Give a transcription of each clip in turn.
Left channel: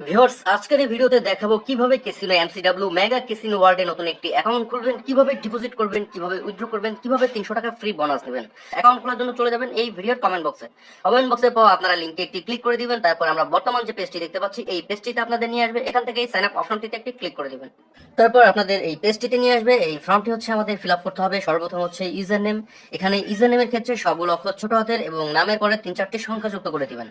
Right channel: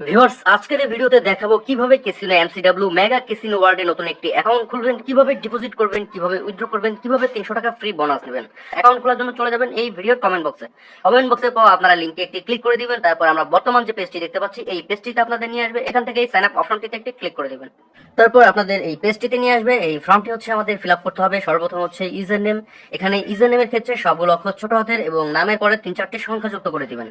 Viewers, আজকের এই ভিডিওতে দেখাবো কিভাবে ক্যাসিনো এমসিডব্লিউ মেগা ক্যাসিনো ওয়ার্ল্ডে নতুন একটি অ্যাকাউন্ট খুলবেন, কিভাবে ডিপোজিট করবেন, কিভাবে উইথড্র করবেন, কিভাবে 300 টাকা ফ্রি বোনাস নেবেন। অ্যাকাউন্ট খোলার জন্য চলে যাবেন এই ভিডিওর কমেন্ট বক্সে। কমেন্ট বক্সে পাওয়া আপনারা লিংকে একটি ক্লিক করে দিবেন। তারপর আমরা বর্তমান যে পেজটি দেখতে পাচ্ছি এই পেজটিতে আপনাদের নিয়ে আসবে। এখান থেকে এই সাইন আপ অপশনটিতে একটি ক্লিক করে দিবেন। তারপর আপনাদের এই পেজটিতে নিয়ে আসবে। এই ফর্মটি হচ্ছে আমাদের ফিল আপ করতে হবে। সর্বপ্রথম হচ্ছে ইউজার নেম। এখানে ইউজার নেমের ক্ষেত্রে সবগুলো অক্ষর ছোট হাতের এবং নামের পরে 3-4টি সংখ্যা যুক্ত করে দিবেন।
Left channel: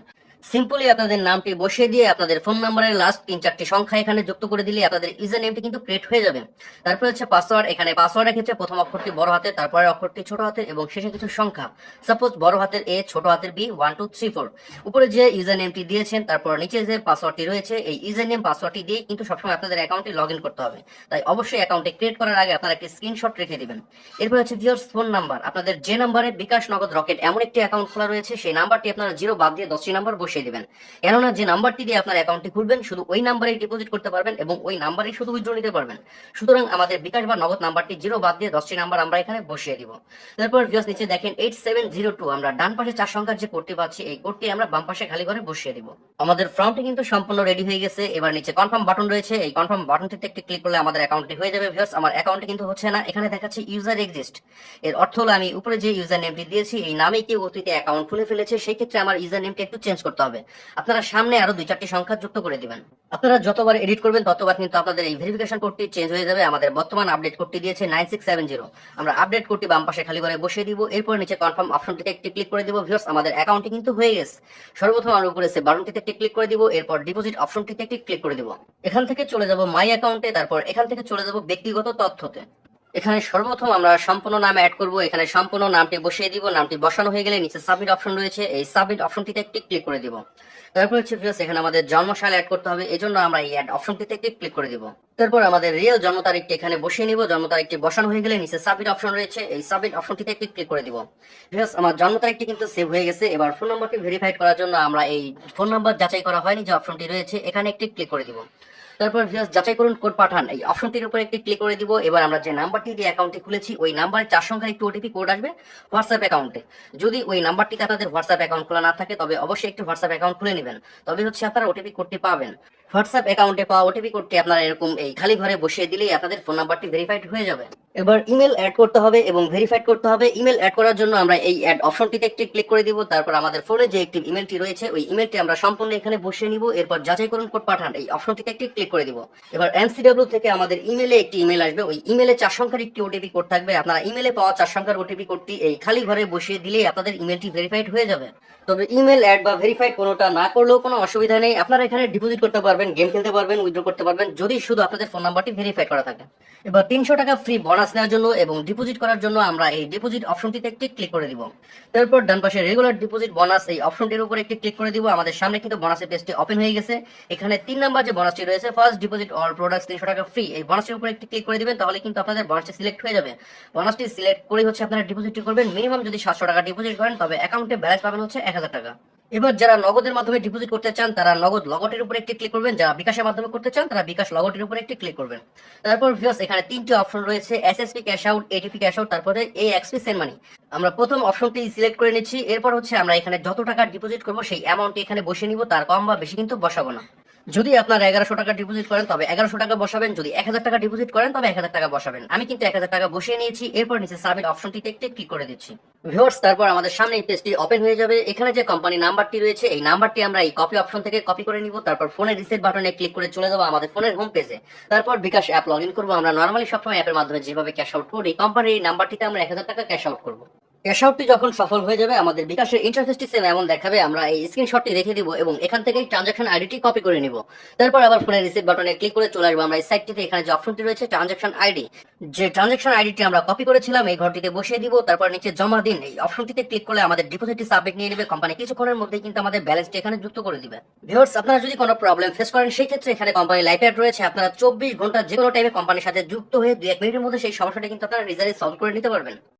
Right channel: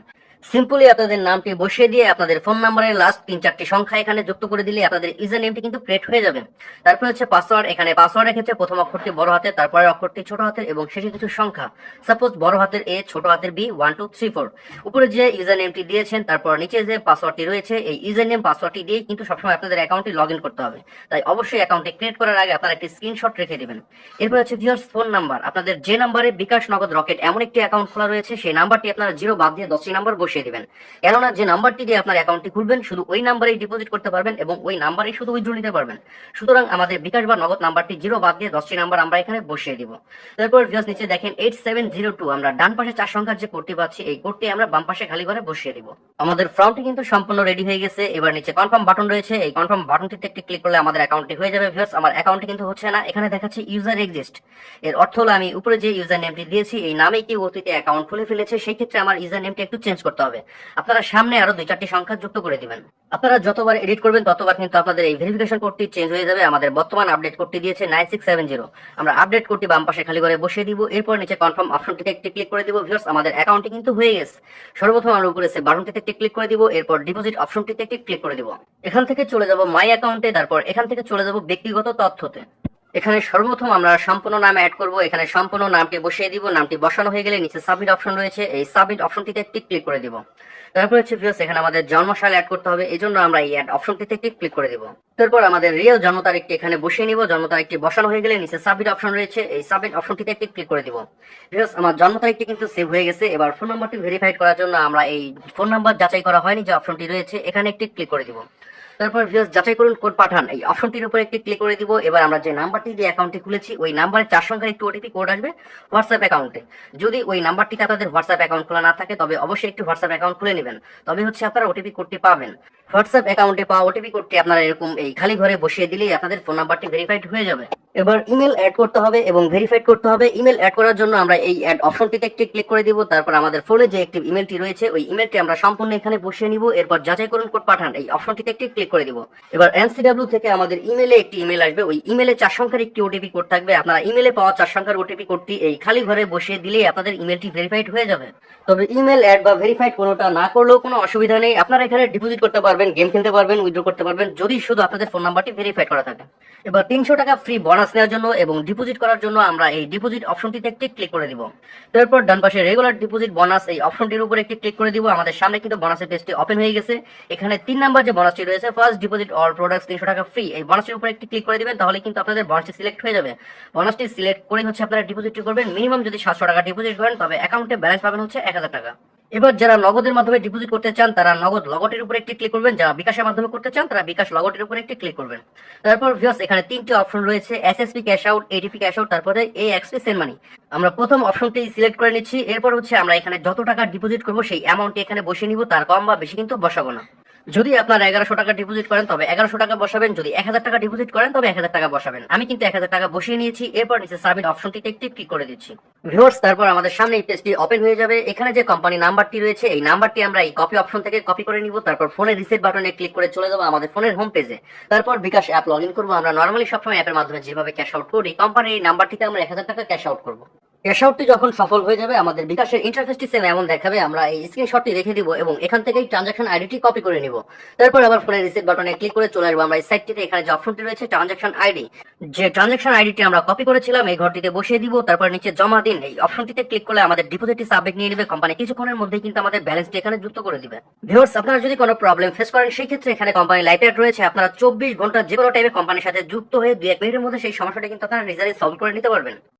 সিম্পলি আপনাদের নামটি বসিয়ে দিয়ে আপনাদের ফোন নাম্বারের লাস্ট 3-4টি সংখ্যা এখানে যুক্ত করে দিলে আপনাদের ইউজার নেমটি কিন্তু ক্রিয়েট হয়ে যাবে। তারপর হচ্ছে পাসওয়ার্ড। এখানে পাসওয়ার্ডের ক্ষেত্রে প্রথম অক্ষরটি বড় হাতের, তারপরে অক্ষরটি ছোট হাতের এবং শেষে কিছু সংখ্যা, সাপোজ বড় হাতের এ, ছোট হাতের বি, 1 2 3 4। উপরে যে ইউজার নেমটি দিয়েছেন তারপর নিচে যে পাসওয়ার্ডটি রয়েছে এই ইউজার নেম পাসওয়ার্ডটি দিয়ে কিন্তু সবসময় আপনাদের অ্যাকাউন্টে লগ ইন করতে হবে। তাই অবশ্যই অ্যাকাউন্টে ক্রিয়েট করার আগে আপনারা একটি স্ক্রিনশট রেখে দিবেন। এরপর আছে ভিউয়ার্স ফোন নাম্বার। আপনাদের যে নাম্বারে বিকাশ, নগদ, রকেট এমন একটি অ্যাকাউন্ট খোলা রয়েছে সেই নাম্বারটি আপনারা 0 বাদ দিয়ে 10টি নাম্বার বসিয়ে দিবেন। কেননা যে নাম্বারটি দিয়ে আপনার অ্যাকাউন্টটি খুলবেন শুধু ওই নাম্বারেই ডিপোজিট করতে পারবেন এবং ওই নাম্বারেই শুধু উইথড্র নিতে পারবেন। সুতরাং আমাদের বিকাশ বা নগদ নাম্বারটি 0 বাদ দিয়ে 10টি নাম্বার আমরা এখানে বসিয়ে দিব। তারপর ভিউয়ার্স নিচে দেখেন 8702, আমরা ডান পাশে 4 সংখ্যার যে কোডটি পাচ্ছি এই কোডটি আমরা বাম পাশে খালি ঘরে বসিয়ে দিব। আমাদের ফর্মটি কিন্তু সম্পূর্ণ রেডি হয়ে গেছে। এবার নিচে কনফার্ম বাটন রয়েছে, এই কনফার্ম বাটনটিতে একটি ক্লিক করলে আমাদের অ্যাকাউন্টটি হয়ে যাবে। ভিউয়ার্স আমার অ্যাকাউন্টটি কিন্তু হচ্ছে না, এখানে দেখাচ্ছে ইউজার এক্সিস্ট। এর অর্থ হলো আমি উপরে যে ইউজার নেমটি দিয়েছি এই নামেই কি অতীতে অ্যাকাউন্ট খুলে ফেলেছে, সেই ক্ষেত্রে আমার ইউজার নেমটি একটু চেঞ্জ করতে হবে। আপনারা সামনে আরো 2-4টি সংখ্যা যুক্ত করে দিবেন। আপনারা যতবার এডিট করবেন ততবার কিন্তু আপনাদের এই ভেরিফিকেশন কোডটি চেঞ্জ হয়ে যাবে। আমাদের বর্তমান আপডেট কোডটি দিয়েছে 9670। আমরা আপডেট কোডটি বাম পাশে খালি করে বসিয়ে দিব। এরপর নিচে কনফার্ম অপশনটিতে একটি ক্লিক করে দিব। ভিউয়ার্স আমাদের অ্যাকাউন্টটি কিন্তু হয়ে গেছে। সর্বপ্রথম আমরা উপরে সে বাটনটিতে একটি ক্লিক করে দিব। এরপর ডিপোজিট অপশনটিতে একটি ক্লিক করে দিব। এখান থেকে চলে যাব মাই অ্যাকাউন্টে, তারপর এখান থেকে চলে যাব ব্যক্তিগত তথ্যতে। এখানে সর্বপ্রথম আমরা সম্পূর্ণ নাম অ্যাড করব। এখানে সম্পূর্ণ নামটি বসিয়ে দিব। নামটি বসানো হয়ে গেলে নিচে সাবমিট অপশন রয়েছে, এই সাবমিট অপশনটিতে একটি ক্লিক করে দিব। তারপর হচ্ছে ভিউয়ার্স এখানে আমাদের জন্মসাল অ্যাড করতে হবে, এজন্য আমরা এই অ্যাড অপশনটিতে একটি ক্লিক করে দিব। তারপর আমাদের রিয়েল জন্ম তারিখটি এখানে বসিয়ে নিব। জন্ম তারিখটি বসানো হয়ে গেলে নিচে সাবমিট অপশন রয়েছে, এই সাবমিট অপশনটিতে একটি ক্লিক করে দিব। ভিউয়ার্স আমার জন্ম তারিখটি কিন্তু সেভ হয়ে গেছে। এবার ফোন নাম্বারটি ভেরিফাইড করার জন্য আমরা এই ফোন নাম্বার যাচাই করা হয়নি যে অপশনটি রয়েছে এখানে একটি ক্লিক করে দিব। তারপর ভিউয়ার্স যাচাই করুন কোড পাঠান, এই অপশনটির উপর একটি ক্লিক করে দিব। এবার আমরা যে নাম্বারটি দিয়ে অ্যাকাউন্টটি খুলেছি ওই নাম্বারে 4 সংখ্যার একটি ওটিপি কোড আসবে হোয়াটসঅ্যাপ অ্যাকাউন্টে। যদি ওই নাম্বারটিতে আপনাদের হোয়াটসঅ্যাপ অ্যাকাউন্ট খোলা না থাকে তবে অবশ্যই একটি হোয়াটসঅ্যাপ অ্যাকাউন্ট খুলে নেবেন, তবে হচ্ছে আপনারা ওটিপি কোডটি পাবেন। হোয়াটসঅ্যাপ অ্যাকাউন্টে পাওয়া ওটিপি কোডটি আপনারা এরকম এই খালি ঘরে বসিয়ে দিলেই আপনাদের ফোন নাম্বারটি ভেরিফাইড হয়ে যাবে। এবার ইমেল অ্যাড করতে হবে এবং ভেরিফাইড করতে হবে। ইমেল অ্যাড করার জন্য আমরা এই অ্যাড অপশনটিতে একটি ক্লিক করে দিব। তারপর আমাদের ফোনে যে একটি ইমেলটি রয়েছে ওই ইমেলটি আমরা সম্পূর্ণ এখানে বসিয়ে নিব। এরপর যাচাই করুন কোড পাঠান, এই অপশনটিতে একটি ক্লিক করে দিব। এবার এনসিডব্লিউ থেকে আমাদের ইমেলে একটি ইমেল আসবে, ওই ইমেলে 4 সংখ্যার একটি ওটিপি কোড থাকবে। আপনারা ইমেলে পাওয়া 4 সংখ্যার ওটিপি কোডটি এই খালি ঘরে বসিয়ে দিলেই আপনাদের ইমেলটি ভেরিফাইড হয়ে যাবে। তবে ইমেল অ্যাড বা ভেরিফাইড কোনোটা না করলেও কোনো অসুবিধা নেই। আপনারা এখানে ডিপোজিট করতে পারবেন, গেম খেলতে পারবেন, উইথড্র করতে পারবেন যদি শুধু আপনাদের ফোন নাম্বারটি ভেরিফাইড করা থাকে। এবার 300 টাকা ফ্রি বোনাস নেওয়ার জন্য এবং ডিপোজিট করার জন্য আমরা এই ডিপোজিট অপশনটিতে একটি ক্লিক করে দিব। তারপর ডান পাশে রেগুলার ডিপোজিট বোনাস এই অপশনটির উপর একটি ক্লিক করে দিব। আমাদের সামনে কিন্তু বোনাসের পেজটি ওপেন হয়ে গেছে। এখানে 3 নাম্বার যে বোনাসটি রয়েছে ফার্স্ট ডিপোজিট অল প্রোডাক্টস 300 টাকা ফ্রি, এই বোনাসটির উপর একটি ক্লিক করে দিবেন, তাহলে কিন্তু আপনাদের বোনাসটি সিলেক্ট হয়ে যাবে। বোনাসটি সিলেক্ট করে হচ্ছে আপনারা ডিপোজিটটি করবেন। মিনিমাম যদি 700 টাকা ডিপোজিট করেন তবে অ্যাকাউন্টে ব্যালেন্স পাবেন হচ্ছে 1000 টাকা। এবার যারা নগদের মাধ্যমে ডিপোজিট করতে চান তারা নগদ লগটের উপর একটি ক্লিক করবেন, যারা বিকাশের মাধ্যমে করতে চান তারা বিকাশ লগটের উপর একটি ক্লিক করবেন। তারপর ভিউয়ার্স এখানে 3টি অপশন রয়েছে, SSP cash out, ATP cash out, তারপরে এএক্সপি সেন্ড মানি। আমরা প্রথম অপশনটি সিলেক্ট করে নিচ্ছি। এরপর হচ্ছে আমরা এখানে যত টাকা ডিপোজিট করব সেই অ্যামাউন্টটি এখানে বসিয়ে নিব, তার কম বা বেশি কিন্তু বসাবো না। যদি আপনারা 1100 টাকা ডিপোজিট করেন তবে 1100 টাকা বসাবেন, যদি 1000 টাকা ডিপোজিট করেন তবে 1000 টাকা বসাবেন। আমি কিন্তু 1000 টাকা বসিয়ে নিয়েছি। এরপর নিচে সাবমিট অপশনটিতে একটি ক্লিক করে দিচ্ছি। ভিউয়ার্স তারপর আমাদের সামনে এই পেজটি ওপেন হয়ে যাবে। এখানে যে কোম্পানি নাম্বারটি রয়েছে এই নাম্বারটি আমরা এই কপি অপশন থেকে কপি করে নিব। তারপর ফোনের রিসেট বাটনে ক্লিক করে চলে যাব আমাদের ফোনের হোম পেজে। তারপর বিকাশ অ্যাপ লগ ইন করবো। আমরা নর্মালি সবসময় অ্যাপের মাধ্যমে যেভাবে ক্যাশ আউট করি কোম্পানির এই নাম্বারটিতে আমরা 1000 টাকা ক্যাশ আউট করবো। ক্যাশ আউটটি যখন সফল হয়ে যাবে আমাদের বিকাশের ইন্টারফেসটি সেম এমন দেখাবে। আমরা এই স্ক্রিনশটটি রেখে দিব এবং এখান থেকে ট্রানজাকশন আইডিটি কপি করে নিব। তারপর আবার ফোনের রিসিট বাটনে ক্লিক করে চলে আসবো আমরা এই সাইটটিতে। এখানে যে অপশনটি রয়েছে ট্রানজাকশন আইডি, যে ট্রানজাকশন আইডিটি আমরা কপি করেছিলাম এই ঘরটিতে বসিয়ে দিব। তারপর নিচে জমা দিন এই অপশনটিতে ক্লিক করলে আমাদের ডিপোজিটটি সাবমিট নিয়ে নেবে কোম্পানি। কিছুক্ষণের মধ্যেই কিন্তু আমাদের ব্যালেন্সটি এখানে যুক্ত করে দিবে। ভিউয়ার্স আপনারা যদি কোনো প্রবলেম ফেস করেন সেই ক্ষেত্রে এখানে কোম্পানি লাইভ চ্যাট রয়েছে। আপনারা 24 ঘন্টা যে কোনো টাইমে কোম্পানির সাথে যুক্ত হয়ে 2-1 মিনিটের মধ্যে সেই সমস্যাটা কিন্তু আপনারা নিজেরাই সলভ করে নিতে পারবেন।